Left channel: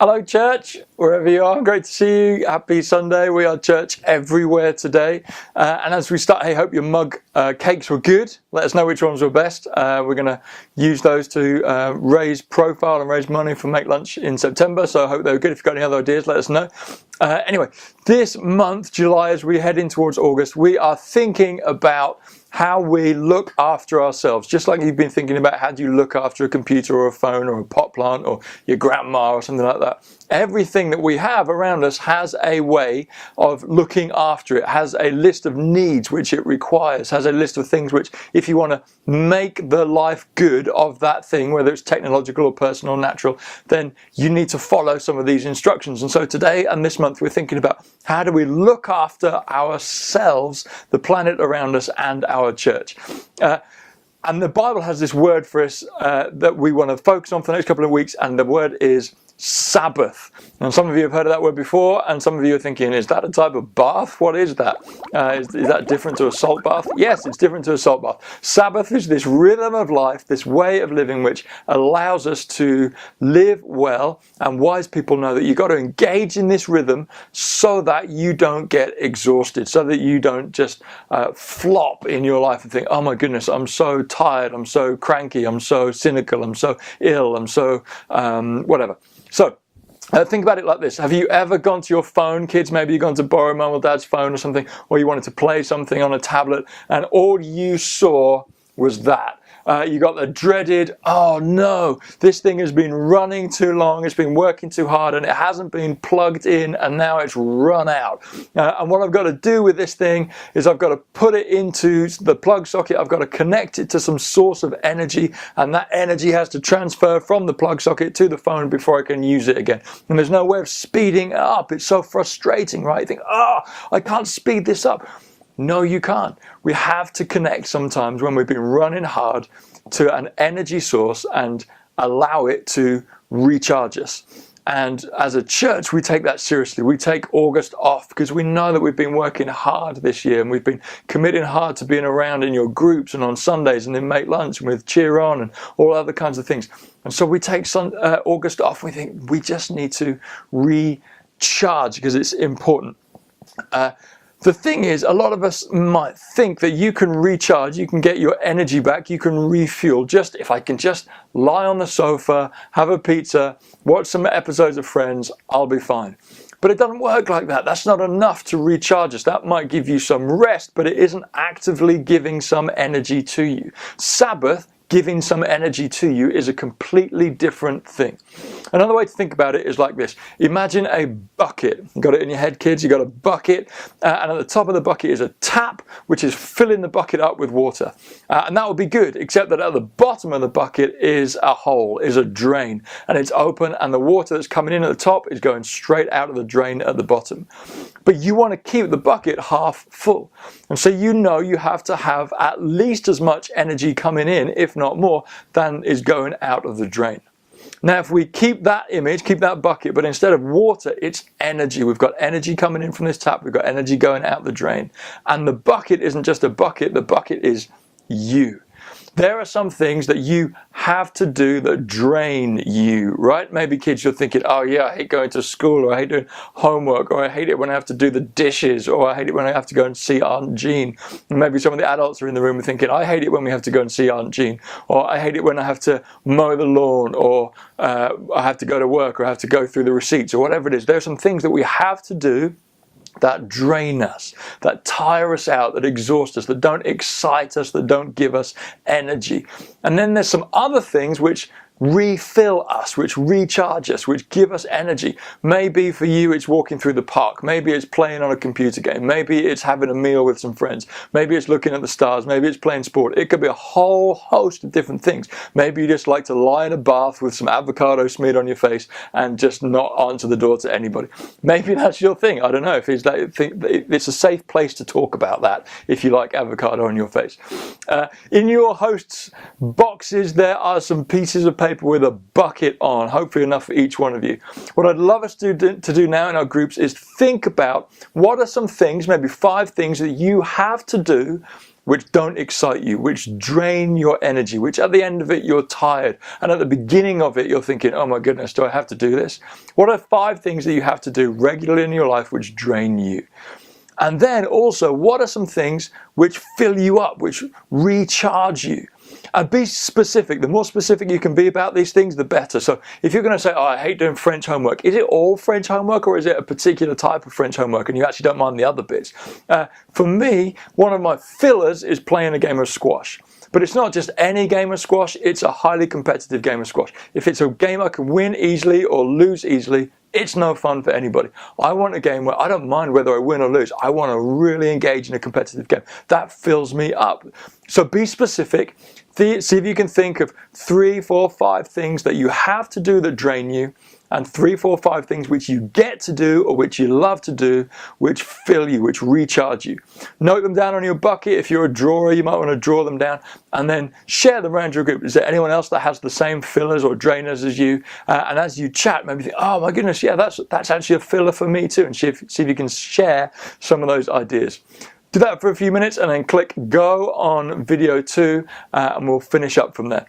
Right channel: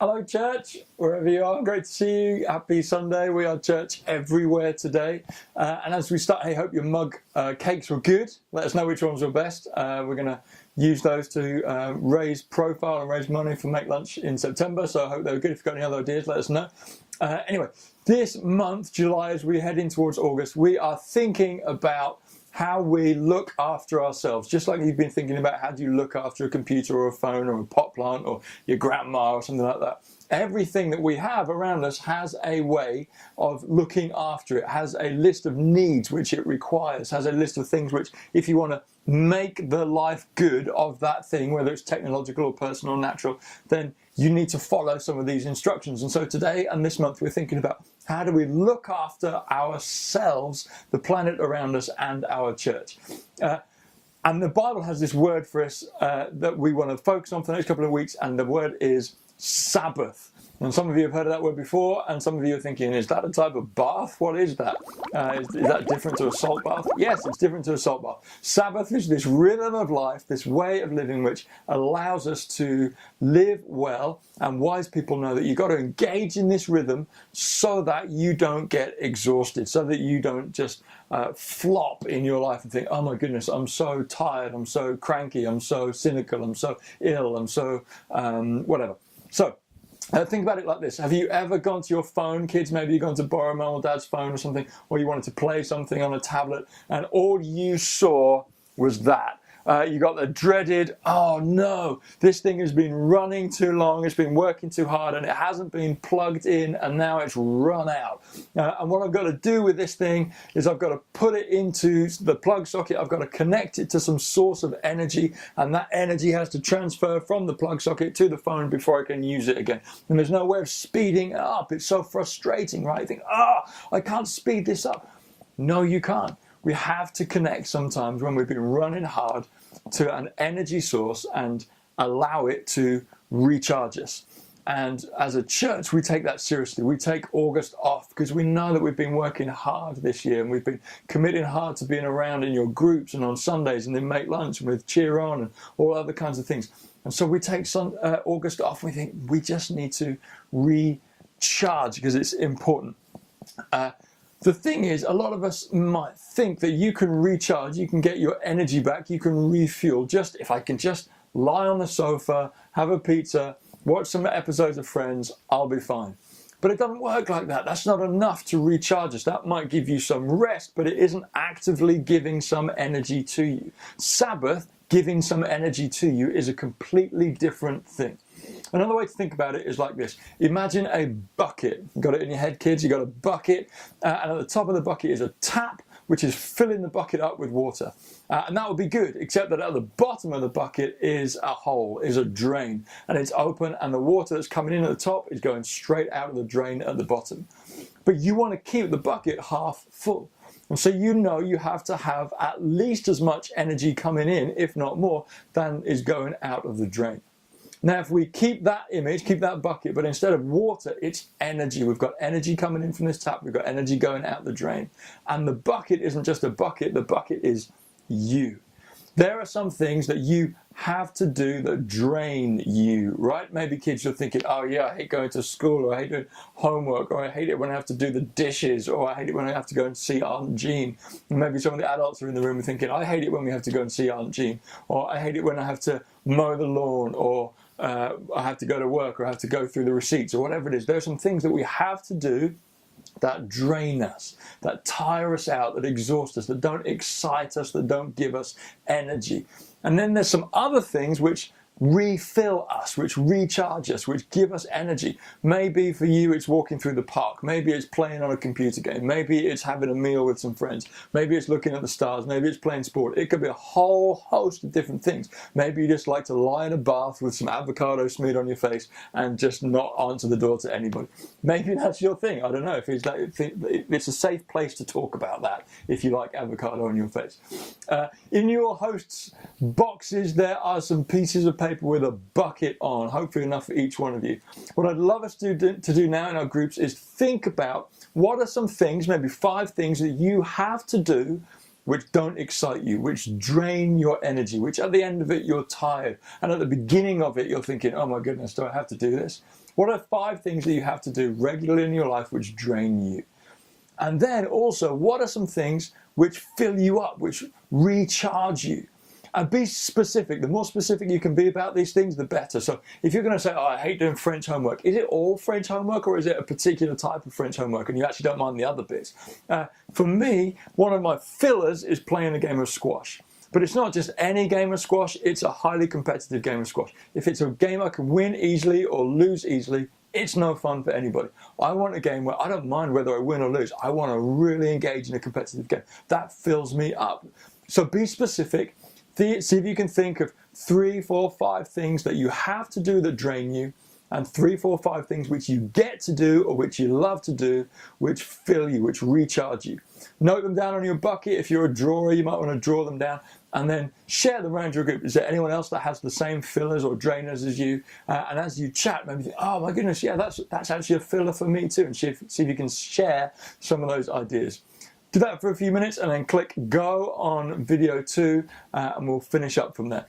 Hello, church, wherever you are. Great to see you. Happy Sunday. We are church everywhere today. And as we start, hey, hope your mug cakes were good. Let us know which ones were best. We're going to use those to raise profile and raise money for Make Lunch in September. So I hope they were good. If you've got any other ideas, let us know. Anyway, this month, July, as we head in towards August, we are thinking about how we look after ourselves. Just like you've been thinking about how do you look after a computer or a phone or a pot plant or your grandma or something like that. Everything that we have around us has a way of looking after it, has a list of needs which it requires, has a list of things which, if you want to make the life good of that thing, whether it's technological or personal or natural, then you need to follow some of these instructions. And so today and this month we're thinking about how do we look after ourselves, the planet around us, and our church. And the Bible has this word for us that we want to focus on for the next couple of weeks, and the word is Sabbath. And some of you have heard of that word before, and some of you are thinking, is that a type of bath? What is that? Is that different to a salt bath? Yes, it's different to a salt bath. Sabbath is this rhythm of life, this way of living which allows us to live well, and wise people know that you've got to engage in this rhythm so that you don't get exhausted, so that you don't just flop in your life and think, oh my goodness, I'm so tired, I'm so cranky, I'm so cynical, I'm so ill, I'm so whatever. So think about it like this. Have you ever gone to your phone, kids? Maybe you've gone to borrow mum or dad's phone or something, or you wanted to play something on a tablet, and all you saw was that. You got the dreaded, oh no, this thing has been running too long, it's been working too hard, and it hasn't been plugged in, and now it's run out. And what I've got to do with this thing is I've got to put it into the plug socket, I've got to connect it to some source of energy, and that energy has to transfer from the plug socket to the phone before I can use it again. And there's no way of speeding it up. It's so frustrating, right? You think, I can't speed this up. No, you can't. We have to connect sometimes when we've been running hard to an energy source and allow it to recharge us. And as a church, we take that seriously. We take August off because we know that we've been working hard this year, and we've been committing hard to being around in your groups and on Sundays and then Make Lunch and with Cheer On and all other kinds of things. And so we take August off. We think we just need to recharge because it's important. The thing is, a lot of us might think that you can recharge, you can get your energy back, you can refuel, just if I can just lie on the sofa, have a pizza, watch some episodes of Friends, I'll be fine. But it doesn't work like that. That's not enough to recharge us. That might give you some rest, but it isn't actively giving some energy to you. Sabbath, giving some energy to you, is a completely different thing. Another way to think about it is like this. Imagine a bucket. You got it in your head, kids? You got a bucket, and at the top of the bucket is a tap, which is filling the bucket up with water. And that would be good, except that at the bottom of the bucket is a hole, is a drain, and it's open, and the water that's coming in at the top is going straight out of the drain at the bottom. But you want to keep the bucket half full. And so you know you have to have at least as much energy coming in, if not more, than is going out of the drain. Now, if we keep that image, keep that bucket, but instead of water, it's energy. We've got energy coming in from this tap. We've got energy going out the drain. And the bucket isn't just a bucket. The bucket is you. There are some things that you have to do that drain you, right? Maybe kids, you're thinking, oh yeah, I hate going to school, or I hate doing homework, or I hate it when I have to do the dishes, or I hate it when I have to go and see Aunt Jean. And maybe some of the adults are in the room and thinking, I hate it when we have to go and see Aunt Jean, or I hate it when I have to mow the lawn, or I have to go to work, or I have to go through the receipts, or whatever it is. There are some things that we have to do that drain us, that tire us out, that exhaust us, that don't excite us, that don't give us energy. And then there's some other things which refill us, which recharge us, which give us energy. Maybe for you it's walking through the park, maybe it's playing on a computer game, maybe it's having a meal with some friends, maybe it's looking at the stars, maybe it's playing sport. It could be a whole host of different things. Maybe you just like to lie in a bath with some avocado smeared on your face and just not answer the door to anybody. Maybe that's your thing. I don't know if it's like, it's a safe place to talk about that if you like avocado on your face. In your host's boxes there are some pieces of paper with a bucket on, hopefully enough for each one of you. What I'd love us to do now in our groups is think about what are some things, maybe 5 things that you have to do which don't excite you, which drain your energy, which at the end of it you're tired, and at the beginning of it you're thinking, oh my goodness, do I have to do this? What are 5 things that you have to do regularly in your life which drain you? And then also, what are some things which fill you up, which recharge you? And be specific. The more specific you can be about these things, the better. So if you're going to say, oh, I hate doing French homework, is it all French homework, or is it a particular type of French homework and you actually don't mind the other bits? For me, one of my fillers is playing a game of squash. But it's not just any game of squash, it's a highly competitive game of squash. If it's a game I can win easily or lose easily, it's no fun for anybody. I want a game where I don't mind whether I win or lose. I want to really engage in a competitive game. That fills me up. So be specific. See if you can think of 3, 4, 5 things that you have to do that drain you, and 3, 4, 5 things which you get to do or which you love to do, which fill you, which recharge you. Note them down on your bucket. If you're a drawer, you might want to draw them down and then share them around your group. Is there anyone else that has the same fillers or drainers as you? And as you chat, maybe think, oh my goodness, yeah, that's actually a filler for me too, and see if you can share some of those ideas. Do that for a few minutes and then click go on video 2 and we'll finish up from there.